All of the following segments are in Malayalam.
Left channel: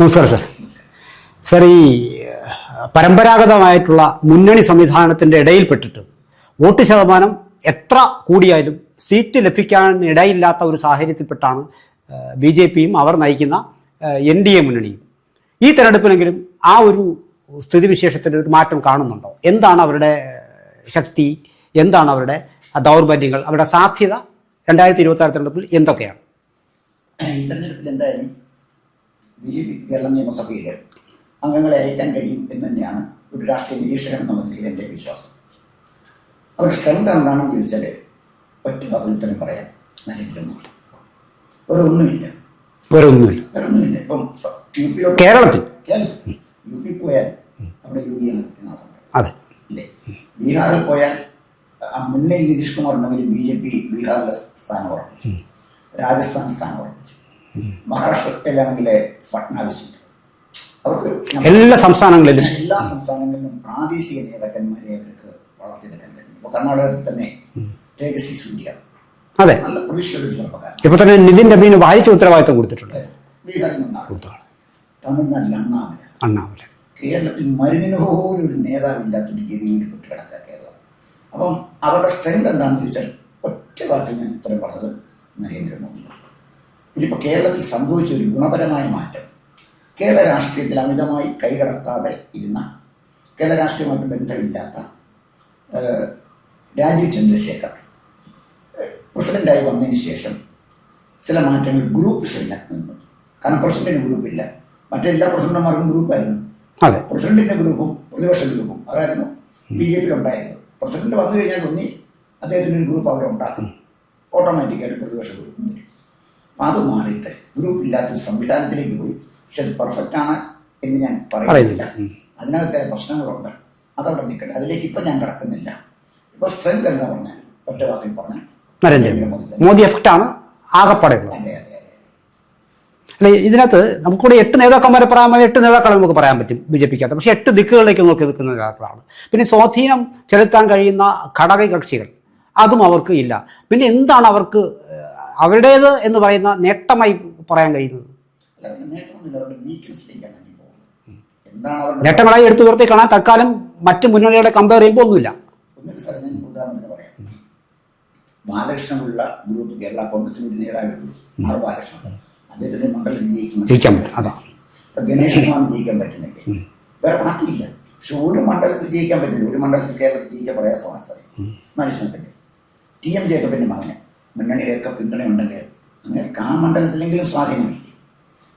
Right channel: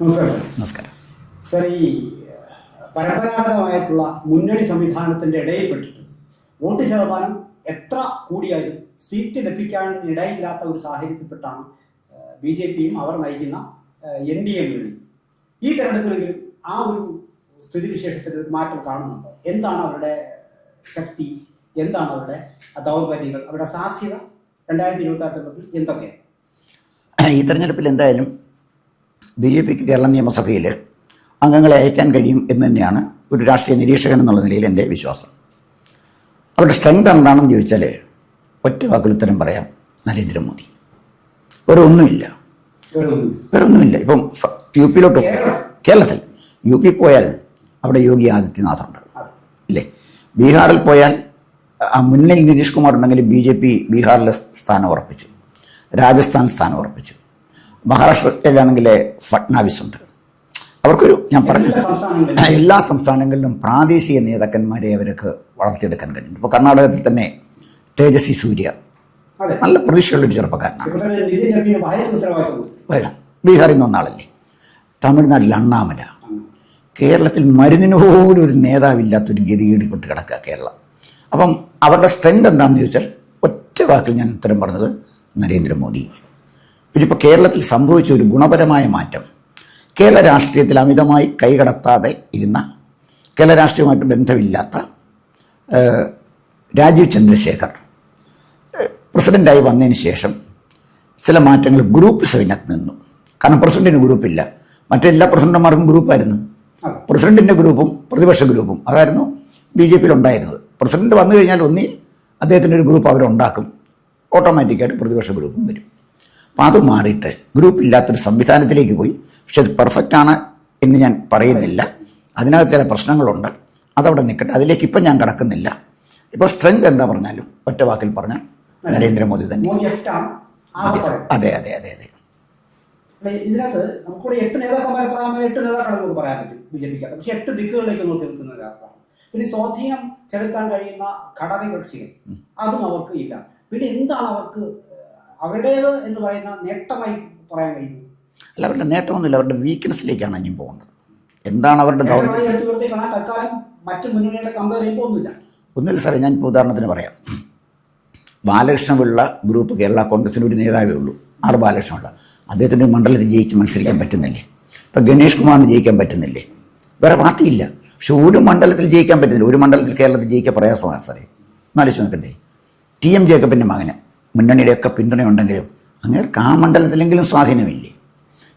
നമസ്കാരം സാർ. നമസ്കാരം സാർ, ഈ പരമ്പരാഗതമായിട്ടുള്ള മുന്നണി സംവിധാനത്തിൻ്റെ ഇടയിൽപ്പെട്ടിട്ട് വോട്ട് ശതമാനം എത്ര കൂടിയാലും സീറ്റ് ലഭിക്കാൻ ഇടയില്ലാത്ത ഒരു സാഹചര്യത്തിൽപ്പെട്ടാണ് BJPയും അവർ നയിക്കുന്ന NDA മുന്നണിയും. ഈ തെരഞ്ഞെടുപ്പിനെങ്കിലും ആ ഒരു സ്ഥിതിവിശേഷത്തിൽ ഒരു മാറ്റം കാണുന്നുണ്ടോ? എന്താണ് അവരുടെ ശക്തി, എന്താണ് അവരുടെ ദൗർബല്യങ്ങൾ, അവരുടെ സാധ്യത 2026 തെരഞ്ഞെടുപ്പിൽ എന്തൊക്കെയാണ്? ഈ തെരഞ്ഞെടുപ്പിൽ എന്തായാലും BJPക്ക് കേരള നിയമസഭയിൽ അംഗങ്ങളെ അയക്കാൻ കഴിയും എന്ന് തന്നെയാണ് ഒരു രാഷ്ട്രീയ നിരീക്ഷകൻ എന്നുള്ള നിലയിൽ എൻ്റെ വിശ്വാസം. അവരുടെ സ്ട്രെങ്ത് എന്താണെന്ന് ചോദിച്ചാൽ ഒറ്റ വാക്കിൽ ഉത്തരം പറയാം: നരേന്ദ്രമോദി. വേറെ ഒന്നുമില്ല. ഇപ്പം UP കേരളത്തിൽ UP പോയാൽ അവിടെ യോഗി ആദിത്യനാഥുണ്ട്. അതെ ഇല്ലേ? ബീഹാറിൽ പോയാൽ മുന്നിൽ നിതീഷ് കുമാർ ഉണ്ടെങ്കിൽ BJP ബീഹാറിലെ സ്ഥാനം ഉറപ്പിച്ചു, രാജസ്ഥാൻ സ്ഥാനം ഉറപ്പിച്ചു. മഹാരാഷ്ട്രയിലാണെങ്കിൽ ഫട്നാവിസ് ഉണ്ട്. അവർക്കൊരു എല്ലാ സംസ്ഥാനങ്ങളിലും പ്രാദേശിക നേതാക്കന്മാരെ അവർക്ക് വളർത്തിയെടുക്കാൻ കഴിയും. ഇപ്പോൾ കർണാടകത്തിൽ തന്നെ തേജസ്വി സൂര്യ, അതെ, നല്ല പ്രതീക്ഷയുള്ളൊരു ചെറുപ്പക്കാരൻ. ഇപ്പോൾ തന്നെ നിതിൻ നബീന് വായിച്ച ഉത്തരവാദിത്തം കൊടുത്തിട്ടുണ്ട്. ബീഹാറിൽ നിന്ന് ഒന്നാളല്ലേ. തമിഴ്നാട്ടിൽ അണ്ണാമല. കേരളത്തിൽ മരുന്നിന് പോലും ഒരു നേതാവില്ലാത്തൊരു ഗതികേടിപ്പെട്ട് കിടക്കുക കേരളം. അപ്പം അവരുടെ സ്ട്രെങ്ത് എന്താണെന്ന് ചോദിച്ചാൽ ഒറ്റ വാക്കിൽ ഞാൻ ഉത്തരം പറഞ്ഞത് നരേന്ദ്രമോദി. പിന്നെ ഇപ്പോൾ കേരളത്തിൽ സംഭവിച്ച ഒരു ഗുണപരമായ മാറ്റം, കേരള രാഷ്ട്രീയത്തിൽ അമിതമായി കൈകടത്താതെ ഇരുന്ന, കേരള രാഷ്ട്രീയമായിട്ട് ബന്ധമില്ലാത്ത രാജീവ് ചന്ദ്രശേഖർ പ്രസിഡൻ്റായി വന്നതിന് ശേഷം ചില മാറ്റങ്ങൾ ഗ്രൂപ്പ് സൈനത്ത് നിന്നു. കാരണം പ്രസിഡന്റിന് ഗ്രൂപ്പില്ല, മറ്റെല്ലാ പ്രസിഡന്റുമാർക്കും ഗ്രൂപ്പായിരുന്നു. അതെ, പ്രസിഡന്റിൻ്റെ ഗ്രൂപ്പും പ്രതിപക്ഷ ഗ്രൂപ്പും അതായിരുന്നു BJPയിൽ ഉണ്ടായിരുന്നത്. പ്രസിഡന്റ് വന്നു കഴിഞ്ഞാൽ ഒന്നി അദ്ദേഹത്തിൻ്റെ ഒരു ഗ്രൂപ്പ് അവരുണ്ടാക്കും, ഓട്ടോമാറ്റിക്കായിട്ട് പ്രതിപക്ഷ ഗ്രൂപ്പും വരും. അപ്പോൾ അത് മാറിയിട്ട് ഗ്രൂപ്പില്ലാത്തൊരു സംവിധാനത്തിലേക്ക് പോയി. പക്ഷെ അത് പെർഫെക്റ്റ് ആണ് എന്ന് ഞാൻ പറയുന്നില്ല. അതിനകത്ത് ചില പ്രശ്നങ്ങളുണ്ട്, അതവിടെ നിൽക്കട്ടെ, അതിലേക്ക് ഇപ്പം ഞാൻ കടക്കുന്നില്ല. ഇപ്പോൾ സ്ട്രെങ്ത് എന്താ പറഞ്ഞാലും ഒറ്റ വാക്കിൽ പറഞ്ഞാൽ നരേന്ദ്രമോദി തന്നെ. മോദി എഫക്റ്റാണ് ആകെപ്പാടെ. അതെ അതെ അതെ അതെ അല്ലെ, ഇതിനകത്ത് നമുക്കൂടെ 8 നേതാക്കന്മാരെ പറയാൻ 8 നേതാക്കളെ നമുക്ക് പറയാൻ പറ്റും BJPക്കകത്ത്. പക്ഷേ 8 ദിക്കുകളിലേക്ക് നോക്കി നിൽക്കുന്ന നേതാക്കളാണ്. പിന്നെ സ്വാധീനം ചെലുത്താൻ കഴിയുന്ന ഘടക കക്ഷികൾ അതും അവർക്ക് ഇല്ല. പിന്നെ എന്താണ് അവർക്ക് അവരുടേത് എന്ന് പറയുന്ന നേട്ടമായി പറയാൻ കഴിയുന്നത്? അല്ല, അവരുടെ നേട്ടമൊന്നുമില്ല, അവരുടെ വീക്ക്നെസ്സിലേക്കാണ് ഇനി പോകുന്നത്. എന്താണ് അവരുടെ നേട്ടങ്ങളായി എടുത്തു നിർത്തി കാണാൻ തൽക്കാലം മറ്റ് മുന്നണികളെ കമ്പയർ ചെയ്യുമ്പോൾ ഒന്നുമില്ല സാറേ. ഞാൻ ഇപ്പോൾ ഉദാഹരണത്തിന് പറയാം. ബാലകൃഷ്ണപിള്ള ഗ്രൂപ്പ് കേരള കോൺഗ്രസിന് ഒരു നേതാവേ ഉള്ളൂ, R ബാലകൃഷ്ണപിള്ള. അദ്ദേഹത്തിൻ്റെ മണ്ഡലത്തിൽ ജയിക്കാൻ പറ്റുന്നില്ലേ? ഇപ്പം ഗണേഷ് കുമാറിന് ജയിക്കാൻ പറ്റുന്നില്ലേ? വേറെ പാർട്ടിയില്ല, പക്ഷെ ഒരു മണ്ഡലത്തിൽ ജയിക്കാൻ പറ്റുന്നില്ല. ഒരു മണ്ഡലത്തിൽ കേരളത്തിൽ ജയിക്കാൻ പ്രയാസമാണ് സാറേ. എന്നാലോചിച്ച് നോക്കണ്ടേ? TM ജേക്കബിൻ്റെ മകന് മുന്നണിയുടെയൊക്കെ പിന്തുണയുണ്ടെങ്കിലും അങ്ങേർക്ക് ആ മണ്ഡലത്തിലെങ്കിലും സ്വാധീനമില്ലേ?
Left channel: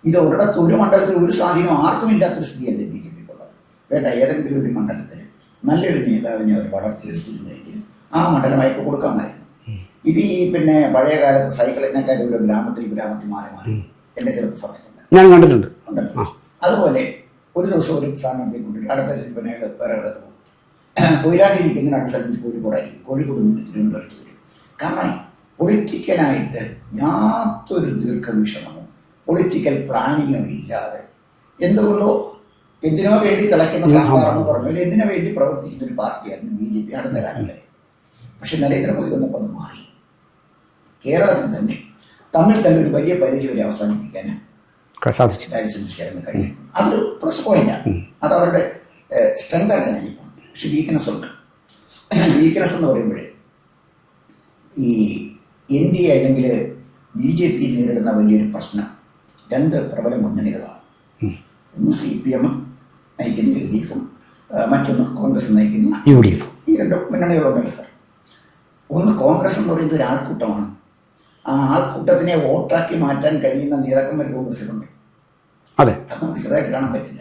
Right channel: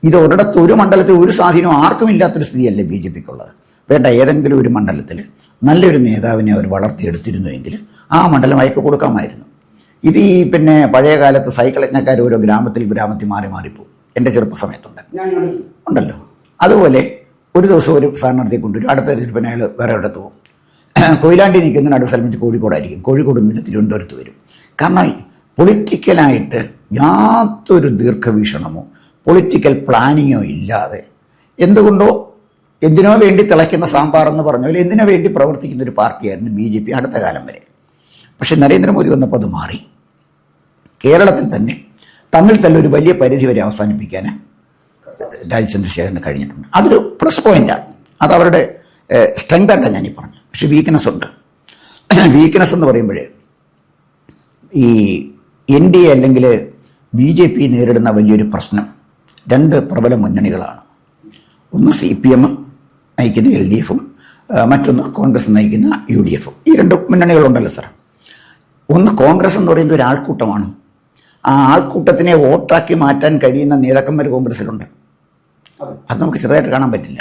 ഇത് ഒരിടത്ത് ഒരു മണ്ഡലത്തിൽ ഒരു സ്വാധീനവും ആർക്കും ഇല്ലാത്തൊരു സ്ഥിതിയല്ലേ BJPക്കുള്ളത്. വേണ്ട, ഏതെങ്കിലും ഒരു മണ്ഡലത്തിൽ നല്ലൊരു നേതാവിനെ അവർ വളർത്തിയെടുത്തിരുന്നുവെങ്കിൽ ആ മണ്ഡലം അയക്ക് കൊടുക്കാമായിരുന്നു. ഇത് ഈ പിന്നെ പഴയ കാലത്ത് സൈക്കിൾ യജ്ഞക്കാർ ഓരോ ഗ്രാമത്തിൽ മാറിപ്പോകും. എൻ്റെ ചെറുപ്പ സമയത്തുണ്ട്, ഞാൻ കണ്ടിട്ടുണ്ട്. ഉണ്ടല്ലോ. അതുപോലെ ഒരു ദിവസം ഒരു സ്ഥാനാർത്ഥിയെ കൊണ്ടുവരും, അടുത്ത തിരുപ്പന അയാൾ വേറെ എവിടത്ത് പോകും. കൊയിലാണ്ടി നിൽക്കുന്ന അടുത്ത സ്ഥലം വെച്ച് കോഴിക്കോടായിരിക്കും, കോഴിക്കോട് നിന്ന് പിന്നെ തിരുവനന്തപുരത്ത് വരും. കാരണം പൊളിറ്റിക്കലായിട്ട് യാതൊരു ദീർഘവീക്ഷണമോ പൊളിറ്റിക്കൽ പ്ലാനിങ്ങോ ഇല്ലാതെ എന്തുകൊണ്ടോ എന്തിനോ വേണ്ടി തിളയ്ക്കുന്ന സാമ്പാർ എന്ന് പറഞ്ഞു അല്ലെങ്കിൽ എന്തിനു വേണ്ടി പ്രവർത്തിക്കുന്ന ഒരു പാർട്ടിയായിരുന്നു BJP അടുത്ത കാലം വരെ. പക്ഷേ നരേന്ദ്രമോദി വന്നപ്പോൾ അത് മാറി. കേരളത്തിൽ തന്നെ തമ്മിൽ ഒരു വലിയ പരിധി വരെ അവസാനിപ്പിക്കാൻ രാജീവ് ചന്ദ്രശേഖരന് കഴിഞ്ഞിട്ടുണ്ട്. അതൊരു പ്ലസ് പോയിൻ്റാണ്, അത് അവരുടെ സ്ട്രെങ്ത് ആയിട്ടാണ് ഞാനീ പറഞ്ഞു. പക്ഷേ വീക്ക്നെസ് ഉണ്ട്. വീക്ക്നെസ് എന്ന് പറയുമ്പോഴേ ഈ NDA അല്ലെങ്കിൽ BJP നേരിടുന്ന വലിയൊരു പ്രശ്നം 2 പ്രബല മുന്നണികളാണ്. ഒന്ന് CPM നയിക്കുന്ന LDFും മറ്റൊന്ന് കോൺഗ്രസ് നയിക്കുന്ന UDFും. ഈ 2 മുന്നണികളുണ്ടല്ലോ സാർ. ഒന്ന് കോൺഗ്രസ് എന്ന് പറയുന്നത് ഒരു ആൾക്കൂട്ടമാണ്. ആ ആൾക്കൂട്ടത്തിനെ വോട്ടാക്കി മാറ്റാൻ കഴിയുന്ന നേതാക്കന്മാർ കോൺഗ്രസ്സിലുണ്ട്. അതെ, അത് നമുക്ക് ചെറുതായിട്ട് കാണാൻ പറ്റില്ല.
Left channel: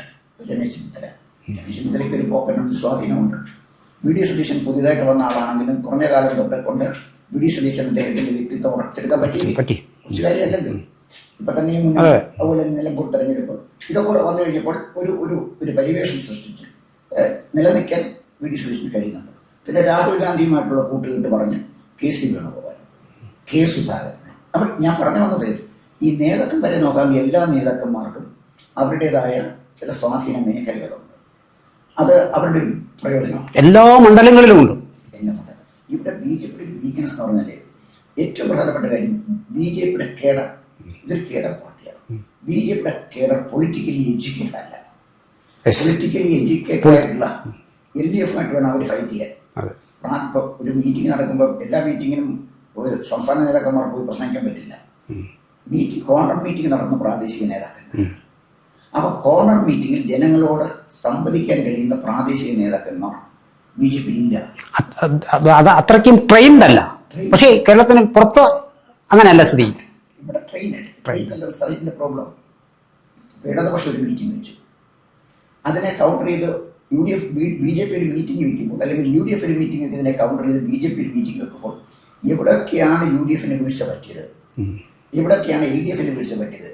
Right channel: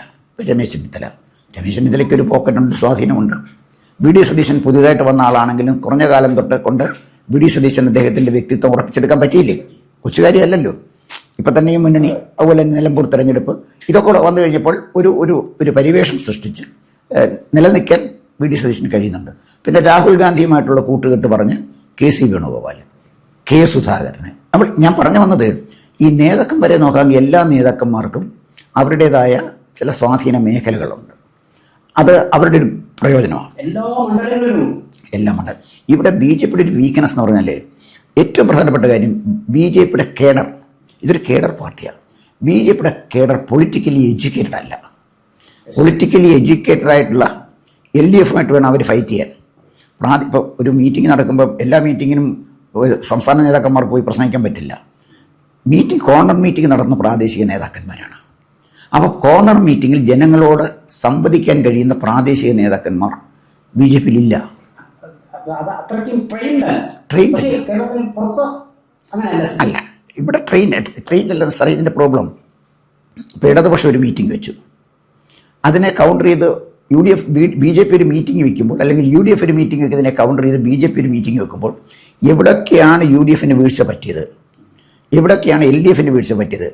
രമേശ് ചെന്നിത്തലയ്ക്ക് ഒരു പോക്കറ്റുണ്ട്, സ്വാധീനമുണ്ട്. VD സതീശൻ പുതിയതായിട്ട് വന്ന ആളാണെങ്കിലും കുറഞ്ഞ കാലം തൊട്ട് കൊണ്ട് VD സതീശൻ അദ്ദേഹത്തിൻ്റെ വ്യക്തിത്വം ഉറപ്പിച്ചെടുക്കാൻ പറ്റിയില്ലേ? കൊച്ചുകാരിയല്ലല്ലോ. ഇപ്പം തന്നെ ഈ മുന്നണി, അതുപോലെ നിലമ്പൂർ തെരഞ്ഞെടുപ്പ്, ഇതൊക്കെ വന്നു കഴിഞ്ഞപ്പോൾ ഒരു പരിവേഷം സൃഷ്ടിച്ച് നിലനിൽക്കാൻ VD സതീശന് കഴിയുന്നുണ്ട്. പിന്നെ രാഹുൽ ഗാന്ധിയുമായിട്ടുള്ള കൂട്ടുകെട്ട് പറഞ്ഞ് KC വേണുഗോപാൽ, K സുധാകരന് ഞാൻ പറഞ്ഞു വന്നത്, ഈ നേതാക്കന്മാരെ നോക്കാമെങ്കിൽ എല്ലാ നേതാക്കന്മാർക്കും അവരുടേതായ ചില സ്വാധീന മേഖലകളുണ്ട്. അത് അവരുടെ ഒരു പ്രയോജനമാണ്. എല്ലാ മണ്ഡലങ്ങളിലും ഉണ്ട്. എല്ലാ മണ്ഡലം. ഇവിടെ BJPയുടെ ഒരു വീക്ക്നെസ് എന്ന് പറഞ്ഞാൽ ഏറ്റവും പ്രധാനപ്പെട്ട കാര്യം BJPയുടെ കേഡർ ഇതൊരു കേഡർ പാർട്ടിയാണ്. ബി ജെ പിയുടെ കേഡർ പൊളിറ്റിക്കലി എഡ്യൂക്കേറ്റഡ് അല്ല. പൊളിറ്റിക്കലി എഡ്യൂക്കേറ്റഡ് ആയിട്ടുള്ള LDF-ഉമായിട്ട് വേണം അവർ ഫൈറ്റ് ചെയ്യാൻ. ഇപ്പോൾ ഒരു മീറ്റിംഗ് നടക്കുമ്പോൾ എല്ലാ മീറ്റിങ്ങിനും സംസ്ഥാന നേതാക്കന്മാർക്ക് പോയി പ്രസംഗിക്കാൻ പറ്റില്ല. കോർണർ മീറ്റിംഗ് നടന്ന പ്രാദേശിക നേതാക്കന്മാരാണ്. അപ്പോൾ കോർണർ മീറ്റിങ്ങിൽ ജനങ്ങളോട് സംവദിക്കാൻ കഴിയുന്ന പ്രാദേശിക നേതാക്കന്മാർ BJP-യിൽ ഇല്ല. അത് അത്രയ്ക്കും ട്രെയിൻഡ് അല്ല. പക്ഷേ കേരളത്തിന് പുറത്ത് അങ്ങനെയല്ല സ്ഥിതി. ഇവിടെ ട്രെയിൻ അല്ല സാർ. ഇതിൻ്റെ പ്രോബ്ലം ഇപ്പോൾ ഇടതുപക്ഷം ഒരു മീറ്റിംഗ് വെച്ചു, അതിനെ കൗണ്ടർ ചെയ്ത് BJP ഒരു മീറ്റിംഗ് വയ്ക്കുമ്പോൾ, അല്ലെങ്കിൽ UDF ഒരു മീറ്റിംഗ് വയ്ക്കുന്നതിനെ കൗണ്ടർ ചെയ്ത് BJP ഒരു മീറ്റിംഗ് വെക്കുമ്പോൾ എവിടൊക്കെയാണ് UDF-ന് വീഴ്ച പറ്റിയത്, എവിടൊക്കെയാണ് LDF-ന് വീഴ്ച പറ്റിയത്,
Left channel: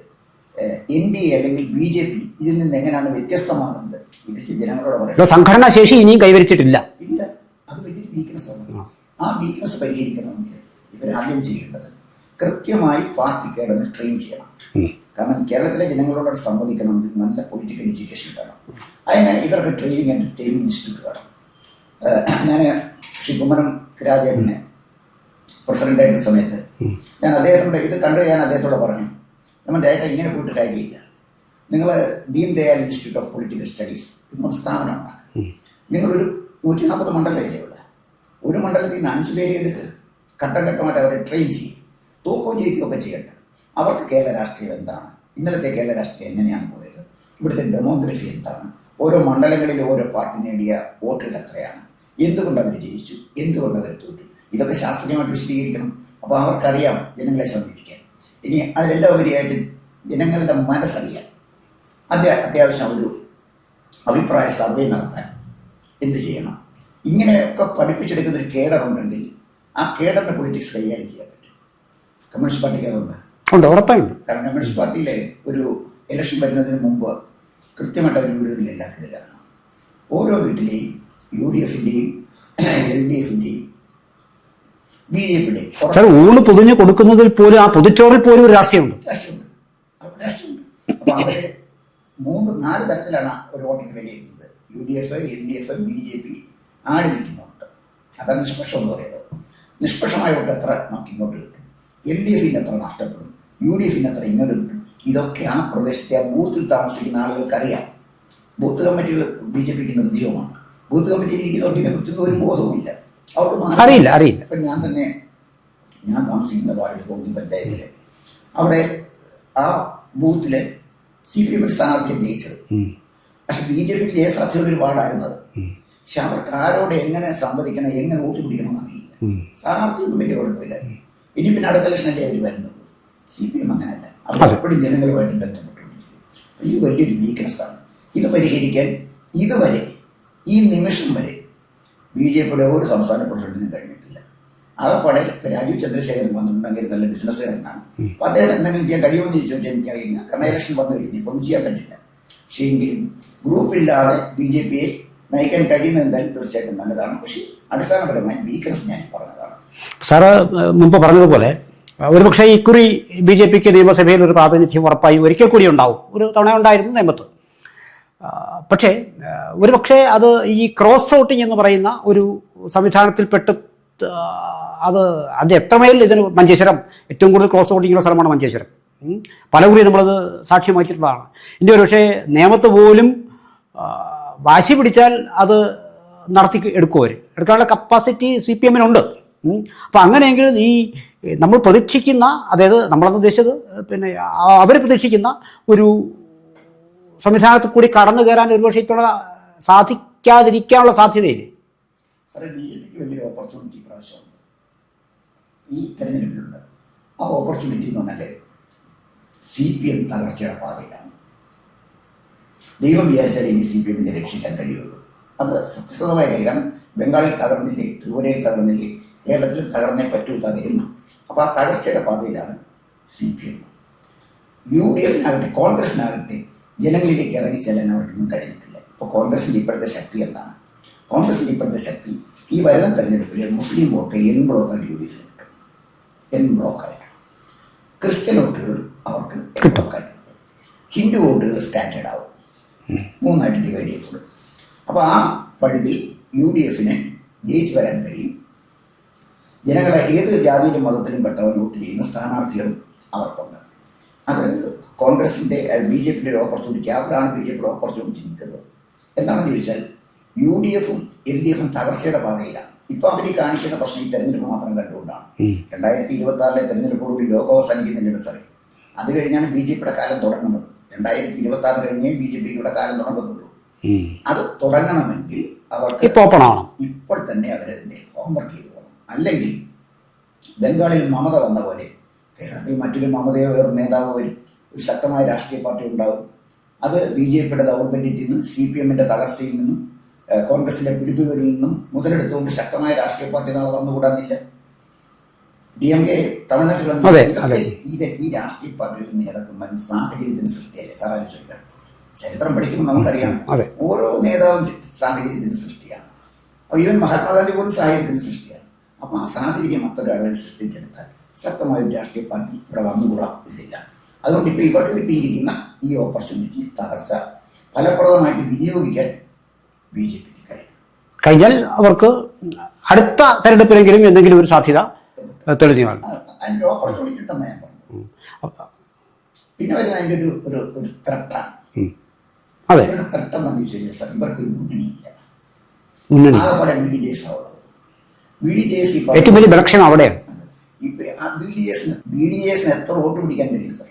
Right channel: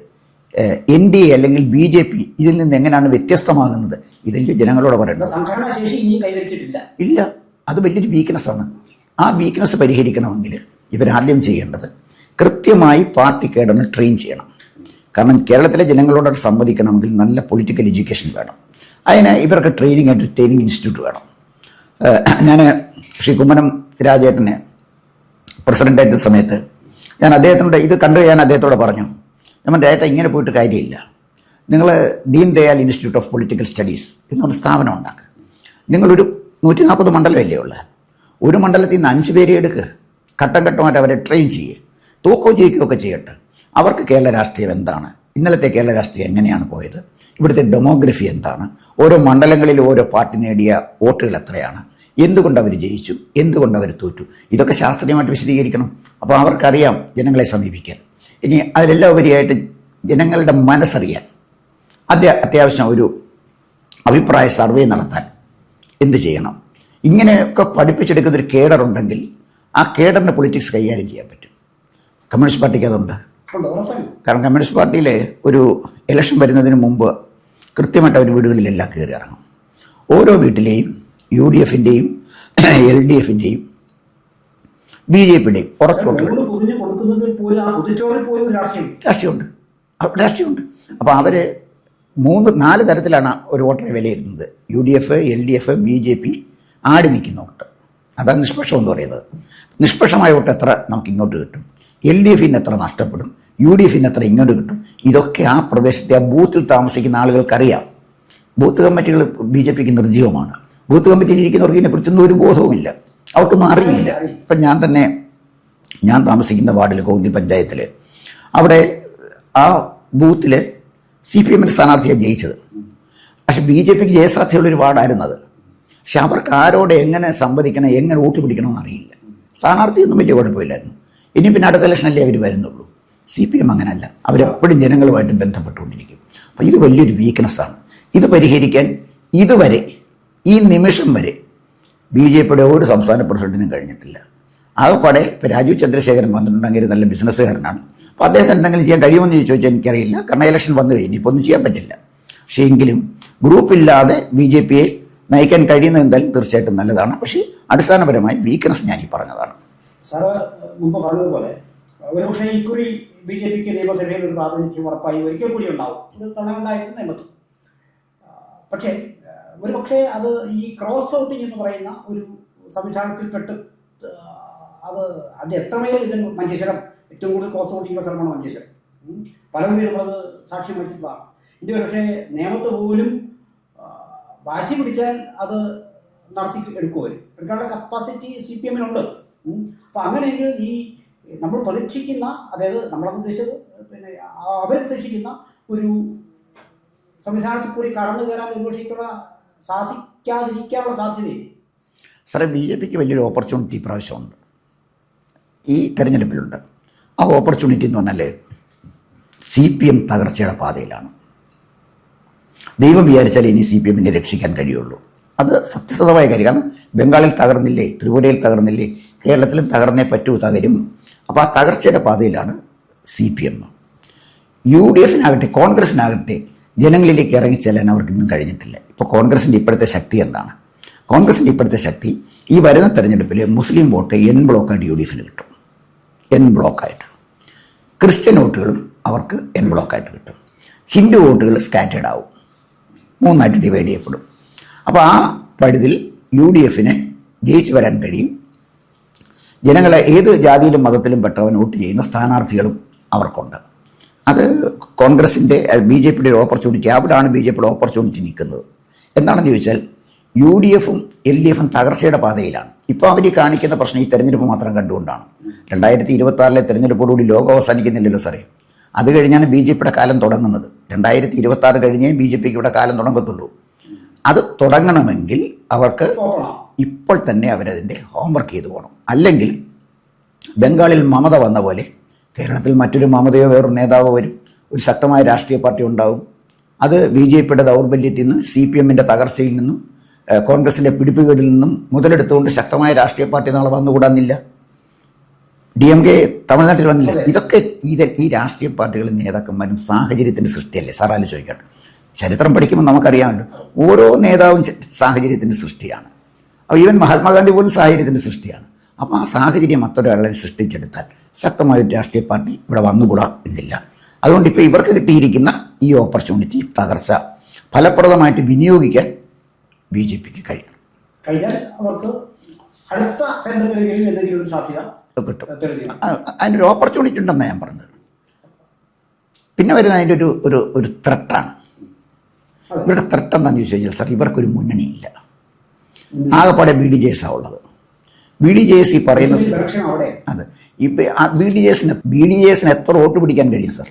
NDA അല്ലെങ്കിൽ BJP ഇതിൽ നിന്ന് എങ്ങനെയാണ് വ്യത്യസ്തമാകുന്നത്, ഇതിൻ്റെ ജനങ്ങളോട് പറയുന്നത്. സംഘടനാ ശേഷി ഇനിയും കൈവരിച്ചിട്ടില്ല. ഇല്ല, അത് വലിയൊരു വീക്ക്നെസ്സാണ്. ആ വീക്ക്നെസ് പരിഹരിക്കണമെങ്കിൽ ഇവരാദ്യം ചെയ്യേണ്ടത് കൃത്യമായി പാർട്ടി കേഡറിനെ ട്രെയിൻ ചെയ്യണം. കാരണം കേരളത്തിലെ ജനങ്ങളോട് സംവദിക്കണമെങ്കിൽ നല്ല പൊളിറ്റിക്കൽ എഡ്യൂക്കേഷൻ വേണം. അതിന് ഇവർക്ക് ട്രെയിനിങ് ഇൻസ്റ്റിറ്റ്യൂട്ട് വേണം. ഞാൻ ശ്രീ കുമ്മനം രാജേട്ടനെ പ്രസിഡൻ്റായിരുന്ന സമയത്ത് ഞാൻ അദ്ദേഹത്തിനോട് ഇത് കണ്ട് ഞാൻ അദ്ദേഹത്തോട് പറഞ്ഞു, നമ്മൾ ഡയറക്റ്റ് ഇങ്ങനെ പോയിട്ട് കാര്യമില്ല, നിങ്ങൾ Deen Dayal institute of political studies എന്നൊരു സ്ഥാപനം ഉണ്ടാക്കുക. നിങ്ങളൊരു 140 മണ്ഡലമല്ലേ ഉള്ളത്, ഒരു മണ്ഡലത്തിൽ നിന്ന് 5 പേരെ എടുക്കുക, ഘട്ടം ഘട്ടമായിട്ട് അവരെ ട്രെയിൻ ചെയ്യുക, തൂക്കവും ജയിക്കുകയൊക്കെ ചെയ്യട്ടെ. അവർക്ക് കേരള രാഷ്ട്രീയം എന്താണ്, ഇന്നലത്തെ കേരള രാഷ്ട്രീയം എങ്ങനെയാണ് പോയത്, ഇവിടുത്തെ ഡെമോഗ്രഫി എന്താണ്, ഓരോ മണ്ഡലങ്ങളിൽ ഓരോ പാർട്ടി നേടിയ വോട്ടുകൾ എത്രയാണ്, എന്തുകൊണ്ട് അവർ ജയിച്ചു, എന്തുകൊണ്ട് അവർ തോറ്റു, ഇതൊക്കെ ശാസ്ത്രീയമായിട്ട് വിശദീകരിക്കണം. അപ്പോൾ അവർക്കറിയാം ജനങ്ങളെ സമീപിക്കാൻ. ഇനി അതിലെല്ലാം ഉപരിയായിട്ട് ജനങ്ങളുടെ മനസ്സറിയാൻ അത്യാവശ്യം ഒരു അഭിപ്രായ സർവേ നടത്താൻ എന്ത് ചെയ്യണം, ഇങ്ങനെയൊക്കെ പഠിപ്പിച്ചെടുക്കുന്ന ഒരു കേഡർ ഉണ്ടെങ്കിൽ ആ കേഡറിൻ്റെ പൊളിറ്റിക്സ് കൈകാര്യം ചെയ്യാൻ പറ്റും. കമ്മ്യൂണിസ്റ്റ് പാർട്ടിക്ക് അതുണ്ട്, ഉറപ്പായും. കാരണം കമ്മ്യൂണിസ്റ്റ് പാർട്ടിയിലെ ഒരു ഇലക്ഷൻ വരുന്നതിന് മുമ്പ് കൃത്യമായിട്ട് അവർ വീടുകളിലെല്ലാം കയറി ഇറങ്ങും. ഓരോ വീട്ടിലെയും UDF-ൻ്റെയും LDF-ൻ്റെയും BJP-യുടെയും ഊണ് പൊതിഞ്ഞ് കൊടുക്കുന്നതിൽ പോലും, ആ പൊതിച്ചോറിൽ പോലും ഒരു രാഷ്ട്രീയമുണ്ട്. അപ്പോൾ അവർ 3-4 തരത്തിലാണ് ഒരു വോട്ടറെ വിലയിരുത്തുന്നത്. UDF, LDF, BJP ആടി നിൽക്കുന്ന വോട്ട്, അതാണ് നിഷ്പക്ഷം എന്ന് പറയുന്നത്. നിഷ്പക്ഷമായ വോട്ട് എത്ര നമുക്ക് ഇങ്ങോട്ട് കിട്ടും, LDF-ന് എത്ര നഷ്ടപ്പെടും, UDF-ന് എത്ര ഇങ്ങോട്ട് കിട്ടും, ഇതൊക്കെ ആ പ്രദേശത്തെ ആ ബൂത്തിൽ താമസിക്കുന്ന ആളുകൾക്കറിയാം. ബൂത്ത് കമ്മിറ്റികൾ BJP-ക്ക് നിർജ്ജീവമാണ്. ബൂത്ത് കമ്മിറ്റിയിൽ ഇരിക്കുന്നവർക്ക് ഇതിനെക്കുറിച്ചൊന്നും ഒരു ബോധവുമില്ല, അവർക്കൊന്നും അറിയില്ല. ഇപ്പം ഞാൻ താമസിക്കുന്ന വാർഡിൽ കോന്നി പഞ്ചായത്തിൽ അവിടെ ആ ബൂത്തിൽ CPM-ൻ്റെ സ്ഥാനാർത്ഥിയാണ് ജയിച്ചത്. പക്ഷെ BJP-ക്ക് ജയസാധ്യതയുള്ളൊരു വാർഡായിരുന്നു അത്. പക്ഷെ അവർക്ക് ആരോട് എങ്ങനെ സംവദിക്കണം, എങ്ങനെ വോട്ട് പിടിക്കണമെന്ന് അറിയില്ല. സ്ഥാനാർത്ഥിയൊന്നും വലിയ കുഴപ്പമില്ലായിരുന്നു. ഇനി പിന്നെ അടുത്ത ഇലക്ഷനല്ലേ അവർ വരുന്നുള്ളൂ. CPM അങ്ങനെയല്ല, അവരെപ്പോഴും ജനങ്ങളുമായിട്ട് ബന്ധപ്പെട്ടുകൊണ്ടിരിക്കും. അപ്പോൾ ഇത് വലിയൊരു വീക്ക്നെസ്സാണ്. ഇത് പരിഹരിക്കാൻ ഇതുവരെ, ഈ നിമിഷം വരെ BJP-യുടെ ഒരു സംസ്ഥാന പ്രസിഡന്റിനും കഴിഞ്ഞിട്ടില്ല. ആകെപ്പാടെ ഇപ്പോൾ രാജീവ് ചന്ദ്രശേഖരൻ വന്നിട്ടുണ്ടെങ്കിൽ നല്ല ബിസിനസ്സുകാരനാണ്. അപ്പോൾ അദ്ദേഹത്തിന് എന്തെങ്കിലും ചെയ്യാൻ കഴിയുമെന്ന് ചോദിച്ചാൽ എനിക്കറിയില്ല, കാരണം ഇലക്ഷൻ വന്നു കഴിഞ്ഞ് ഇപ്പോൾ ഒന്നും ചെയ്യാൻ പറ്റില്ല. പക്ഷേ എങ്കിലും ഗ്രൂപ്പില്ലാതെ BJP-യെ നയിക്കാൻ കഴിയുന്നത് എന്തായാലും തീർച്ചയായിട്ടും നല്ലതാണ്. പക്ഷേ അടിസ്ഥാനപരമായി വീക്ക്നെസ് ഞാനീ പറഞ്ഞതാണ്. സാറ് മുമ്പ് പറഞ്ഞതുപോലെ ഒരുപക്ഷെ ഇക്കുറി BJP-ക്ക് നിയമസഭയിൽ ഒരു പ്രാതിനിധ്യം ഉറപ്പായും ഒരിക്കൽ കൂടി ഉണ്ടാവും. ഒരു തവണ ഉണ്ടായിരുന്നു നിയമത്ത്. പക്ഷേ ഒരുപക്ഷെ അത് ഈ ക്രോസ് വോട്ടിംഗ് എന്ന് പറയുന്ന ഒരു സംവിധാനത്തിൽപ്പെട്ട് അത് എത്രമേൽ ഇതിന് മഞ്ചേശ്വരം ഏറ്റവും കൂടുതൽ ക്രോസ് വോട്ടിങ്ങുള്ള സ്ഥലമാണ് മഞ്ചേശ്വരം. പലകുറി നമ്മളത് സാക്ഷ്യം വഹിച്ചിട്ടുള്ളതാണ്. ഇനി ഒരുപക്ഷെ നിയമത്ത് പോലും വാശി പിടിച്ചാൽ അത് എടുക്കാനുള്ള കപ്പാസിറ്റി CPM-നുണ്ട്. അപ്പം അങ്ങനെയെങ്കിൽ ഈ നമ്മൾ പ്രതീക്ഷിക്കുന്ന, അതായത് നമ്മളെന്ന് ഉദ്ദേശിച്ചത് പിന്നെ അവർ പ്രതീക്ഷിക്കുന്ന ഒരു സംവിധാനത്തിൽ കൂടി കടന്നു കയറാൻ ഒരുപക്ഷെ ഇത്തവണ സാധിക്കാതിരിക്കാനുള്ള സാധ്യതയില്ലേ? സാറേ, BJP-ക്ക് വലിയൊരു ഓപ്പർച്യൂണിറ്റി പ്രാവശ്യമുണ്ട്, ഈ തെരഞ്ഞെടുപ്പിലുണ്ട്. ആ ഓപ്പർച്യൂണിറ്റി എന്ന് പറഞ്ഞാൽ CPM തകർച്ചയുടെ പാതയിലാണ്. ദൈവം വിചാരിച്ചാൽ ഇനി CPM-നെ രക്ഷിക്കാൻ കഴിയുള്ളൂ. അത് സത്യസന്ധമായ കാര്യം. കാരണം ബംഗാളിൽ തകർന്നില്ലേ, ത്രിപുരയിൽ തകർന്നില്ലേ, കേരളത്തിലും തകർന്നേ തകരും. അപ്പോൾ ആ തകർച്ചയുടെ പാതയിലാണ് CPM. UDF-നാകട്ടെ കോൺഗ്രസിനാകട്ടെ ജനങ്ങളിലേക്ക് ഇറങ്ങിച്ചെല്ലാൻ അവർക്കിന്നും കഴിഞ്ഞിട്ടില്ല. ഇപ്പോൾ കോൺഗ്രസിൻ്റെ ഇപ്പോഴത്തെ ശക്തി എന്താണ്? കോൺഗ്രസിൻ്റെ ഇപ്പോഴത്തെ ശക്തി ഈ വരുന്ന തെരഞ്ഞെടുപ്പിൽ മുസ്ലിം വോട്ട് N ബ്ലോക്കായിട്ട് UDF-ന് കിട്ടും. N ബ്ലോക്കായിട്ട്. ക്രിസ്ത്യൻ വോട്ടുകളും അവർക്ക് N ബ്ലോക്കായിട്ട് കിട്ടും. ഹിന്ദു വോട്ടുകൾ സ്കാറ്റേഡ് ആവും, 3ആയിട്ട് ഡിവൈഡ് ചെയ്യപ്പെടും. അപ്പോൾ ആ പഴുതിൽ UDF-ന് ജയിച്ചു വരാൻ കഴിയും. ജനങ്ങളെ ഏത് ജാതിയിലും മതത്തിലും പെട്ടവൻ വോട്ട് ചെയ്യുന്ന സ്ഥാനാർത്ഥികളും അവർക്കുണ്ട്. അത് കോൺഗ്രസിൻ്റെ BJPയുടെ ഒരു ഓപ്പർച്യൂണിറ്റി, അവിടെയാണ് BJPയുടെ ഓപ്പർച്യൂണിറ്റി നിൽക്കുന്നത്. എന്താണെന്ന് ചോദിച്ചാൽ UDFും LDFും തകർച്ചയുടെ പാതയിലാണ്. ഇപ്പോൾ അവർ കാണിക്കുന്ന പ്രശ്നം ഈ തെരഞ്ഞെടുപ്പ് മാത്രം കണ്ടുകൊണ്ടാണ്. 2026 തെരഞ്ഞെടുപ്പോടുകൂടി ലോകം അവസാനിക്കുന്നില്ലല്ലോ സാറേ. അത് കഴിഞ്ഞാണ് BJPയുടെ കാലം തുടങ്ങുന്നത്. 2026 കഴിഞ്ഞേ BJPക്ക് ഇവിടെ കാലം തുടങ്ങത്തുള്ളൂ. അത് തുടങ്ങണമെങ്കിൽ അവർക്ക് ഇപ്പോൾ തന്നെ അവരതിൻ്റെ ഹോംവർക്ക് ചെയ്തു പോകണം. അല്ലെങ്കിൽ ബംഗാളിൽ മമത വന്ന പോലെ കേരളത്തിൽ മറ്റൊരു മമതയോ വേറൊരു നേതാവോ വരും, ഒരു ശക്തമായ രാഷ്ട്രീയ പാർട്ടി ഉണ്ടാവും. അത് BJPയുടെ ദൗർബല്യത്തിൽ നിന്നും CPMൻ്റെ തകർച്ചയിൽ നിന്നും കോൺഗ്രസിൻ്റെ പിടിപ്പുകേടിൽ നിന്നും മുതലെടുത്തുകൊണ്ട് ശക്തമായ രാഷ്ട്രീയ പാർട്ടി നാളെ വന്നുകൂടാന്നില്ല. DMK തമിഴ്നാട്ടിൽ വന്നില്ല. ഇതൊക്കെ ഈ രാഷ്ട്രീയ പാർട്ടികളും നേതാക്കന്മാരും സാഹചര്യത്തിൻ്റെ സൃഷ്ടിയല്ലേ സാർ? ആലോചിക്കട്ടെ, ചരിത്രം പഠിക്കുമ്പോൾ നമുക്കറിയാമല്ലോ, ഓരോ നേതാവും സാഹചര്യത്തിൻ്റെ സൃഷ്ടിയാണ്. അപ്പോൾ ഈവൻ മഹാത്മാഗാന്ധി പോലും സാഹചര്യത്തിൻ്റെ സൃഷ്ടിയാണ്. അപ്പോൾ ആ സാഹചര്യം മറ്റൊരാളെ സൃഷ്ടിച്ചെടുത്താൽ ശക്തമായ ഒരു രാഷ്ട്രീയ പാർട്ടി ഇവിടെ വന്നുകൂടാ എന്നില്ല. അതുകൊണ്ട് ഇപ്പോൾ ഇവർക്ക് കിട്ടിയിരിക്കുന്ന ഈ ഓപ്പർച്യൂണിറ്റി, തകർച്ച ഫലപ്രദമായിട്ട് വിനിയോഗിക്കാൻ BJPക്ക് കഴിഞ്ഞാൽ അവർക്ക് അടുത്ത തെരഞ്ഞെടുപ്പിലെങ്കിലും എന്തെങ്കിലും ഒരു സാധ്യത കിട്ടും. അതിൻ്റെ ഒരു ഓപ്പർച്യൂണിറ്റി ഉണ്ടെന്നാണ് ഞാൻ പറഞ്ഞത്. പിന്നെ വരുന്ന അതിൻ്റെ ഒരു ത്രെട്ടാണ്. ഇവരുടെ ത്രെട്ട് എന്താണെന്ന് ചോദിച്ചു കഴിഞ്ഞാൽ സാർ, ഇവർക്കൊരു മുന്നണിയില്ല. ആകെപ്പാടെ BDJS ഉള്ളത്. BDJS ഈ പറയുന്ന അവിടെ അതെ. ഇപ്പം BDJSന് എത്ര വോട്ട് പിടിക്കാൻ കഴിയും സാർ?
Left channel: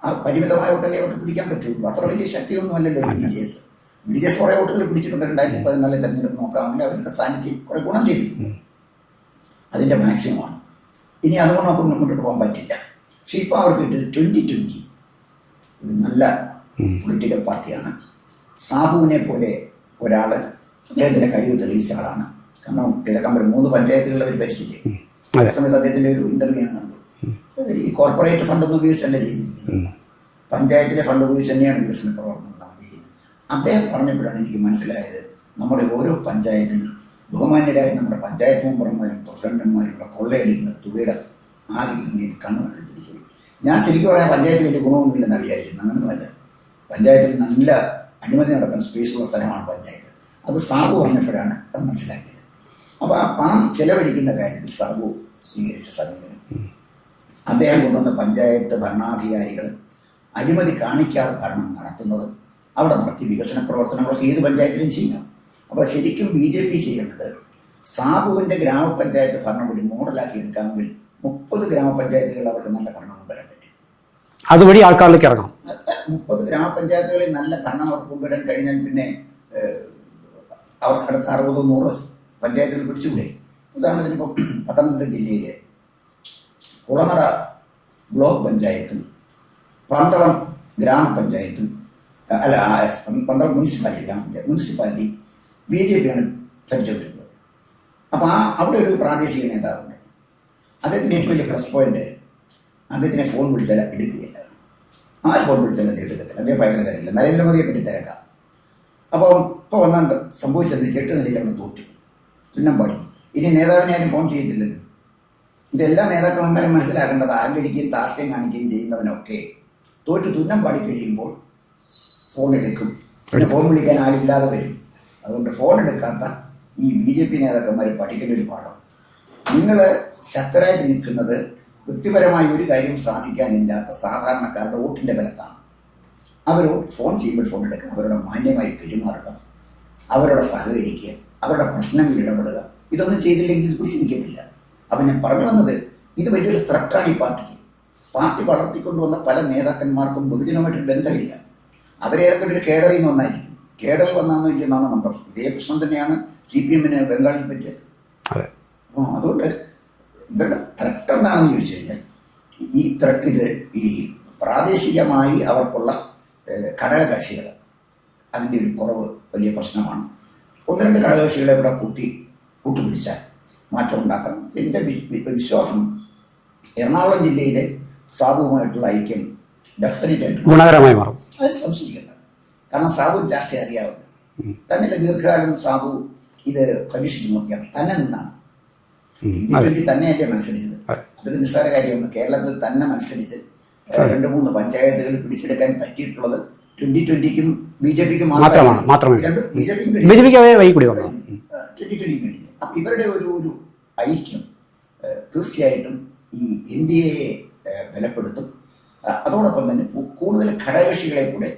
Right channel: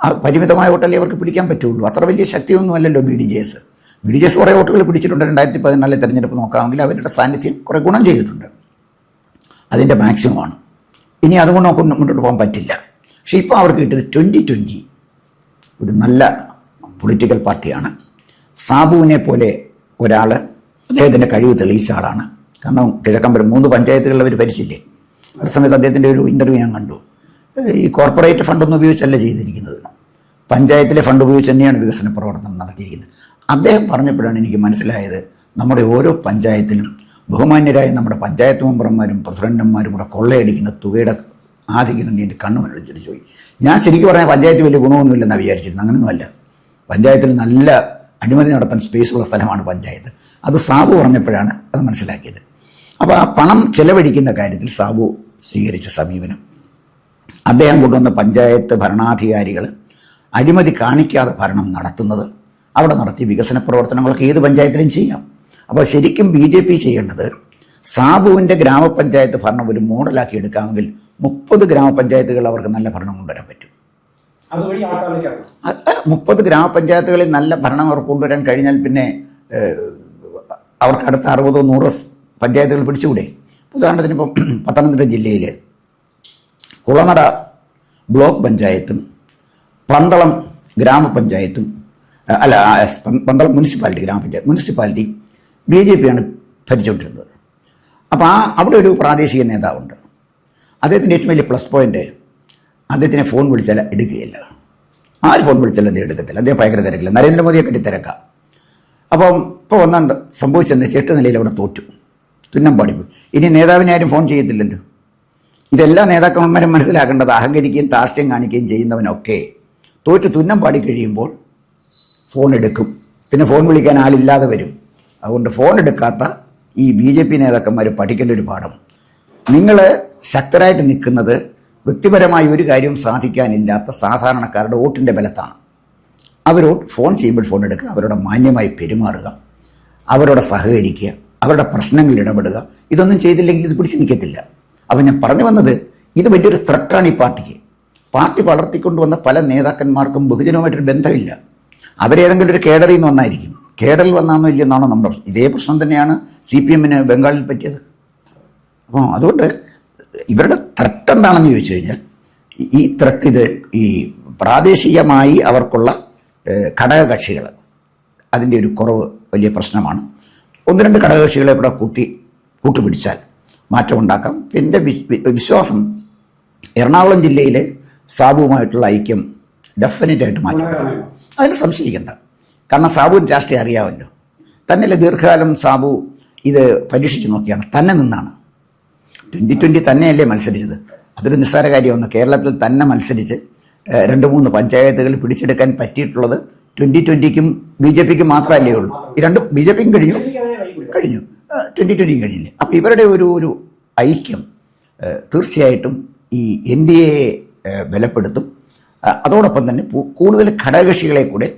ആ പരിമിതമായ വോട്ടല്ലേ അവർക്ക് പിടിക്കാൻ പറ്റുള്ളൂ. അത്ര വലിയ ശക്തിയൊന്നും അല്ലല്ലോ BDJS. BDJS കുറേ വോട്ടുകൾ പിടിച്ചിട്ടുണ്ട്. 2014 തെരഞ്ഞെടുപ്പ് നോക്കാമെങ്കിൽ അവരുടെ സാന്നിധ്യം കുറേ ഗുണം ചെയ്തിട്ടുണ്ട്. അതിൻ്റെ മാക്സിമമാണ്. ഇനി അതുകൊണ്ട് നമുക്ക് മുന്നോട്ട് പോകാൻ പറ്റില്ല. പക്ഷേ ഇപ്പോൾ അവർക്ക് കിട്ടിയത് 2020 ഒരു നല്ല പൊളിറ്റിക്കൽ പാർട്ടിയാണ്. സാബുവിനെ പോലെ ഒരാൾ അദ്ദേഹത്തിൻ്റെ കഴിവ് തെളിയിച്ച ആളാണ്. കാരണം കിഴക്കമ്പലം 3 പഞ്ചായത്തുകളിൽ അവർ ഭരിച്ചില്ലേ. അതേ സമയത്ത് അദ്ദേഹത്തിൻ്റെ ഒരു ഇൻ്റർവ്യൂ ഞാൻ കണ്ടു. ഈ കോർപ്പറേറ്റ് ഫണ്ടൊന്നും ഉപയോഗിച്ചല്ല ചെയ്തിരിക്കുന്നത്, പഞ്ചായത്തിലെ ഫണ്ട് ഉപയോഗിച്ച് തന്നെയാണ് വികസന പ്രവർത്തനം നടത്തിയിരിക്കുന്നത്. അദ്ദേഹം പറഞ്ഞപ്പോഴാണ് എനിക്ക് മനസ്സിലായത്, നമ്മുടെ ഓരോ പഞ്ചായത്തിലും ബഹുമാന്യരായ നമ്മുടെ പഞ്ചായത്ത് മെമ്പർമാരും പ്രസിഡന്റുമാരും കൂടെ കൊള്ളയടിക്കുന്ന തുകയുടെ ആധിക്യം കണ്ട് എൻ്റെ കണ്ണു വെള്ളിച്ചിട്ട് പോയി. ഞാൻ ശരിക്കും പറഞ്ഞാൽ പഞ്ചായത്ത് വലിയ ഗുണമൊന്നുമില്ലെന്നാണ് വിചാരിച്ചിരുന്നത്. അങ്ങനെയൊന്നുമല്ല. പഞ്ചായത്തിൽ നല്ല അഴിമതി നടത്താൻ സ്പേസുള്ള സ്ഥലമാണ് പഞ്ചായത്ത്. അത് സാബു പറഞ്ഞപ്പോഴാണ് അത് മനസ്സിലാക്കിയത്. അപ്പോൾ ആ പണം ചെലവഴിക്കുന്ന കാര്യത്തിൽ സാബു സ്വീകരിച്ച സമീപനം, അദ്ദേഹം കൊണ്ടുവന്ന പഞ്ചായത്ത് ഭരണാധികാരികൾ അഴിമതി കാണിക്കാതെ ഭരണം നടത്തുന്നത്, അവിടെ നടത്തിയ വികസന പ്രവർത്തനങ്ങളൊക്കെ ഏത് പഞ്ചായത്തിലും ചെയ്യാം. അപ്പോൾ ശരിക്കും BJP ചെയ്യേണ്ടത് സാബുവിൻ്റെ ഗ്രാമപഞ്ചായത്ത് ഭരണം ഒരു മോഡലാക്കി എടുക്കാമെങ്കിൽ 30 ഗ്രാമപഞ്ചായത്തുകൾ അവർക്ക് നല്ല ഭരണം കൊണ്ടുവരാൻ പറ്റും. അതുവഴി ആൾക്കാരിലേക്ക് ഇറങ്ങാം. 30 ഗ്രാമപഞ്ചായത്തുകളിൽ നല്ല ഭരണം അവർക്ക് കൊണ്ടുവരാൻ കഴിഞ്ഞാൽ പിന്നെ അവർക്ക് അടുത്ത 60-100 പഞ്ചായത്തുകൾ പിടിച്ചുകൂടെ? ഉദാഹരണത്തിന് ഇപ്പം പത്തനംതിട്ട ജില്ലയിൽ കുളനട ബ്ലോക്ക് പഞ്ചായത്തും പന്തളം ഗ്രാമപഞ്ചായത്തും പന്തളം മുനിസിപ്പാലിറ്റി BJP ആണ് ഭരിച്ചുകൊണ്ടിരുന്നത്. അപ്പോൾ അവിടെ ഒരു പ്രാദേശിക നേതാവുണ്ട്. അദ്ദേഹത്തിൻ്റെ ഏറ്റവും വലിയ പ്ലസ് പോയിൻ്റ്, അദ്ദേഹത്തിനെ ഫോൺ വിളിച്ചാൽ എടുക്കുകയില്ല. ആര് ഫോൺ വിളിച്ചാലും അദ്ദേഹം എടുക്കത്തില്ല. അദ്ദേഹം ഭയങ്കര തിരക്കില്ല. നരേന്ദ്രമോദിയെ കെട്ടി തിരക്കാം. അപ്പം ഇപ്പോൾ ഒന്നാണ്ട് സംഭവിച്ചെന്ന് 8 നിലയിൽ അവിടെ തോറ്റു, തുന്നം പാടിപ്പോയി. ഇനി നേതാവിനെ ആരും ഫോൺ ചെയ്യത്തില്ലല്ലോ. ഇതെല്ലാ നേതാക്കന്മാരും മനസ്സിലാക്കേണ്ടത്, അഹങ്കരിക്കുകയും ധാർഷ്ട്യം കാണിക്കുകയും ചെയ്യുന്നവനൊക്കെ തോറ്റ് തുന്നം പാടിക്കഴിയുമ്പോൾ ഫോൺ എടുക്കും. പിന്നെ ഫോൺ വിളിക്കാൻ ആളില്ലാതെ വരും. അതുകൊണ്ട് ഫോൺ എടുക്കാത്ത ഈ BJP നേതാക്കന്മാർ പഠിക്കേണ്ട ഒരു പാഠം, നിങ്ങൾ ശക്തരായിട്ട് നിൽക്കുന്നത് വ്യക്തിപരമായി ഒരു കാര്യവും സാധിക്കാനില്ലാത്ത സാധാരണക്കാരുടെ വോട്ടിൻ്റെ ബലത്താണ്. അവരോട് ഫോൺ ചെയ്യുമ്പോൾ ഫോൺ എടുക്കുക, അവരോട് മാന്യമായി പെരുമാറുക, അവരോട് സഹകരിക്കുക, അവരുടെ പ്രശ്നങ്ങളിൽ ഇടപെടുക. ഇതൊന്നും ചെയ്തില്ലെങ്കിൽ ഇത് പിടിച്ച് നിൽക്കത്തില്ല. അപ്പം ഞാൻ പറഞ്ഞു വന്നത്, ഇത് വലിയൊരു ത്രെട്ടാണ് ഈ പാർട്ടിക്ക്. പാർട്ടി വളർത്തിക്കൊണ്ടുവന്ന പല നേതാക്കന്മാർക്കും ബഹുജനവുമായിട്ടൊരു ബന്ധമില്ല. അവരേതെങ്കിലും ഒരു കേഡറിൽ നിന്ന് വന്നായിരിക്കും. കേഡറിൽ വന്നാന്നോ ഇല്ലെന്നാണോ നമ്മുടെ പ്രശ്നം. ഇതേ പ്രശ്നം തന്നെയാണ് CPMന് ബംഗാളിൽ പറ്റിയത്. അപ്പോൾ അതുകൊണ്ട് ഇവരുടെ ത്രെട്ട് എന്താണെന്ന് ചോദിച്ചു കഴിഞ്ഞാൽ, ഈ ത്രെട്ട് ഇത് ഈ പ്രാദേശികമായി അവർക്കുള്ള ഘടകകക്ഷികൾ, അതിൻ്റെ ഒരു കുറവ് വലിയ പ്രശ്നമാണ്. 1-2 ഘടകകക്ഷികളെ ഇവിടെ കൂട്ടുപിടിച്ചാൽ മാറ്റമുണ്ടാക്കാം. എൻ്റെ വിശ്വാസം എറണാകുളം ജില്ലയിലെ സാബുവുമായിട്ടുള്ള ഐക്യം ഡെഫിനറ്റായിട്ട് ഗുണകരമായി മാറും. അതിന് സംശയിക്കേണ്ട. കാരണം സാബുവിന് രാഷ്ട്രീയം അറിയാമല്ലോ. തന്നെയല്ലേ ദീർഘകാലം സാബു ഇത് പരീക്ഷിച്ച് നോക്കിയാണ്, തന്നെ നിന്നാണ്. 2020 തന്നെയല്ലേ മത്സരിച്ചത്. അതൊരു നിസ്സാര കാര്യമാണ്. കേരളത്തിൽ തന്നെ മത്സരിച്ച് 2-3 പഞ്ചായത്തുകൾ പിടിച്ചെടുക്കാൻ പറ്റിയിട്ടുള്ളത് 2020ക്കും BJPക്കും മാത്രമേ ഉള്ളൂ. രണ്ടും BJPക്കും കഴിഞ്ഞു, 2020ക്കും കഴിഞ്ഞില്ല. അപ്പോൾ ഇവരുടെ ഒരു ഐക്യം തീർച്ചയായിട്ടും ഈ NDA ബലപ്പെടുത്തും. അതോടൊപ്പം തന്നെ കൂടുതൽ ഘടകകക്ഷികളെ കൂടെ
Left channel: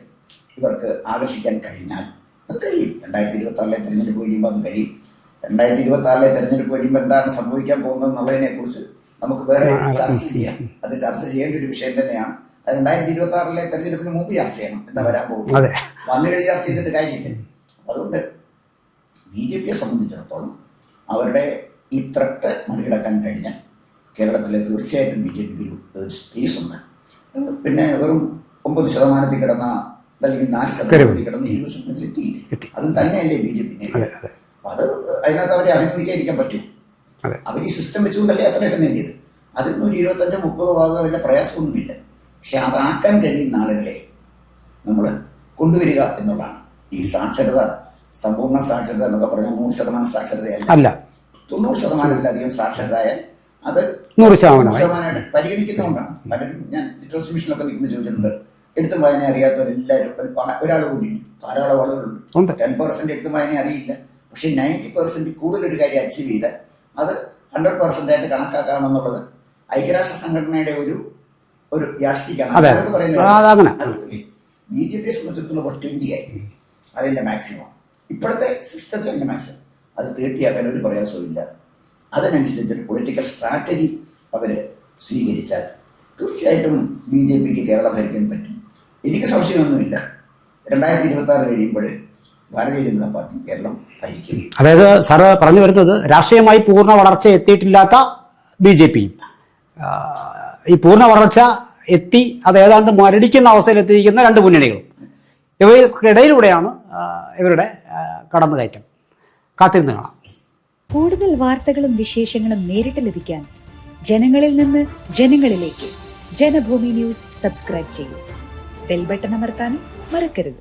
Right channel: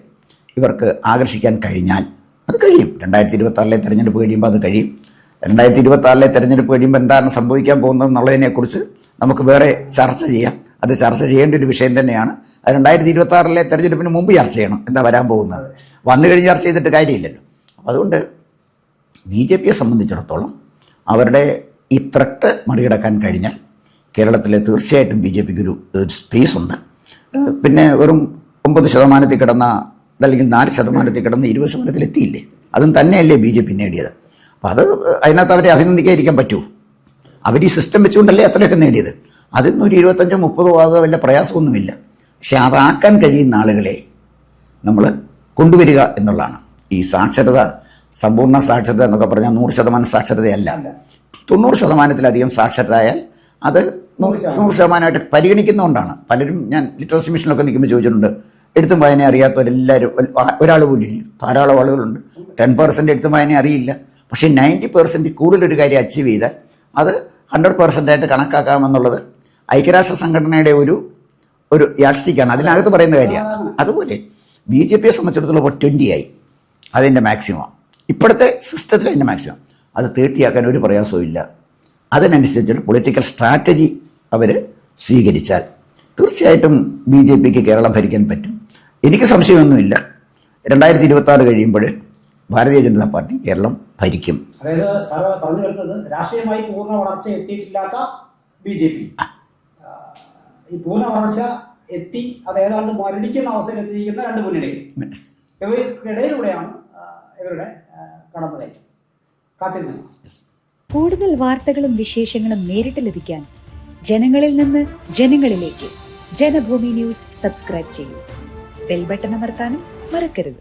ഇവർക്ക് ആകർഷിക്കാൻ കഴിഞ്ഞാൽ അത് കഴിയും. 2026 തെരഞ്ഞെടുപ്പ് കഴിയുമ്പോൾ അത് കഴിയും. 2026 തെരഞ്ഞെടുപ്പ് കഴിയുമ്പോൾ എന്താണ് സംഭവിക്കാൻ പോകുന്നത് എന്നുള്ളതിനെക്കുറിച്ച് നമുക്ക് വേറെ ചർച്ച ചെയ്യാം. അത് ചർച്ച ചെയ്യേണ്ട ഒരു വിഷയം തന്നെയാണ്. അത് 2026 തെരഞ്ഞെടുപ്പിന് മുമ്പ് ചർച്ച ചെയ്യണം, എന്താ വരാൻ പോകുന്നത്. വന്നു കഴിഞ്ഞ് ചർച്ച ചെയ്തിട്ട് കാര്യമില്ലല്ലോ. അതുകൊണ്ട് BJPയെ സംബന്ധിച്ചിടത്തോളം അവരുടെ ഈ ത്രട്ട് മറികടക്കാൻ കഴിഞ്ഞാൽ കേരളത്തിൽ തീർച്ചയായിട്ടും BJPക്ക് ഒരു സ്പേസ് ഉണ്ട്. പിന്നെ വെറും 9% കിടന്ന അല്ലെങ്കിൽ 4% കിടന്ന് 20% എത്തിയില്ലേ, അതും തന്നെയല്ലേ BJP നേടിയത്. അപ്പം അത് അതിനകത്ത് അവരെ അഭിനന്ദിക്കാതിരിക്കാൻ പറ്റുമോ? അവർ ഈ സിസ്റ്റം വെച്ചുകൊണ്ടല്ലേ അത്രയൊക്കെ നേടിയത്. അതിന്ന് ഒരു 25-30 ആകുക വല്ല പ്രയാസമൊന്നുമില്ല. പക്ഷെ അതാക്കാൻ കഴിയുന്ന ആളുകളെ നമ്മൾ കൊണ്ടുവരിക എന്നുള്ളതാണ്. ഈ സാക്ഷരത, സമ്പൂർണ്ണ സാക്ഷരത എന്നൊക്കെ പറഞ്ഞാൽ 100% സാക്ഷരതയല്ല, 90%-ലധികം സാക്ഷരരായാൽ അത് 100%-ആയിട്ട് പരിഗണിക്കുന്നതുകൊണ്ടാണ്. പലരും, ഞാൻ ലിറ്ററസി മിഷനിലൊക്കെ നിൽക്കുമ്പോൾ ചോദിച്ചിട്ടുണ്ട്, എഴുത്തും വായന അറിയാത്തവരെല്ലാവരും ഒരാൾ പോലും ഇല്ല. ധാരാളം ആളുകളുണ്ട്. 10% എഴുത്തും വായന അറിയില്ല. പക്ഷേ 90% കൂടുതലൊരു കാര്യം അച്ചീവ് ചെയ്താൽ അത് 100%-ആയിട്ട് കണക്കാക്കാമെന്നുള്ളത് ഐക്യരാഷ്ട്ര സംഘടനയുടെ ഒരു യാഡ്സ്റ്റിക്കാണ്. അതിനകത്ത് പറയുന്ന കാര്യം. അതുപോലെ BJPയെ സംബന്ധിച്ചിടത്തോളം 20 ആയി, അതിൻ്റെ മാക്സിമം. ഇപ്പോഴത്തെ സിസ്റ്റത്തിൽ അതിൻ്റെ മാക്സിമം അത് 30 ആക്കാൻ ഒരു പ്രയാസവും ഇല്ല. അതിനനുസരിച്ചുള്ള പൊളിറ്റിക്കൽ സ്ട്രാറ്റജി അവർ സ്വീകരിച്ചാൽ തീർച്ചയായിട്ടും BJPക്ക് കേരളം ഭരിക്കാൻ പറ്റും. എനിക്ക് സംശയമൊന്നുമില്ല. 2026 കഴിയുമ്പോൾ ഭാരതീയ ജനതാ പാർട്ടി കേരളം ഭരിക്കും. അതായത് സാറ് പറഞ്ഞു വരുന്നത് രാഷ്ട്രീയമായി പൂർണ്ണ വളർച്ച എത്തിയിട്ടില്ലാത്ത BJP ഈ പൂർണ്ണ വളർച്ച എത്തി അത് ഏതാണ്ട് മരടിക്കുന്ന അവസ്ഥയിലെത്തിയിരിക്കുന്ന 2 മുന്നണികളും, ഇവയ്ക്കിടയിലൂടെയാണ് ഇവരുടെ കടന്നുകയറ്റം. കാത്തിരുന്ന് കാണാം. കൂടുതൽ വാർത്തകളും വിശേഷങ്ങളും നേരിട്ട് ലഭിക്കാൻ ജനങ്ങളിൽ നിന്ന് ജനങ്ങളിലേക്ക് ജനഭൂമി ന്യൂസ് സബ്സ്ക്രൈബ് ചെയ്യൂ. ബെൽ ബട്ടൺ അമർത്താനും മറക്കരുത്.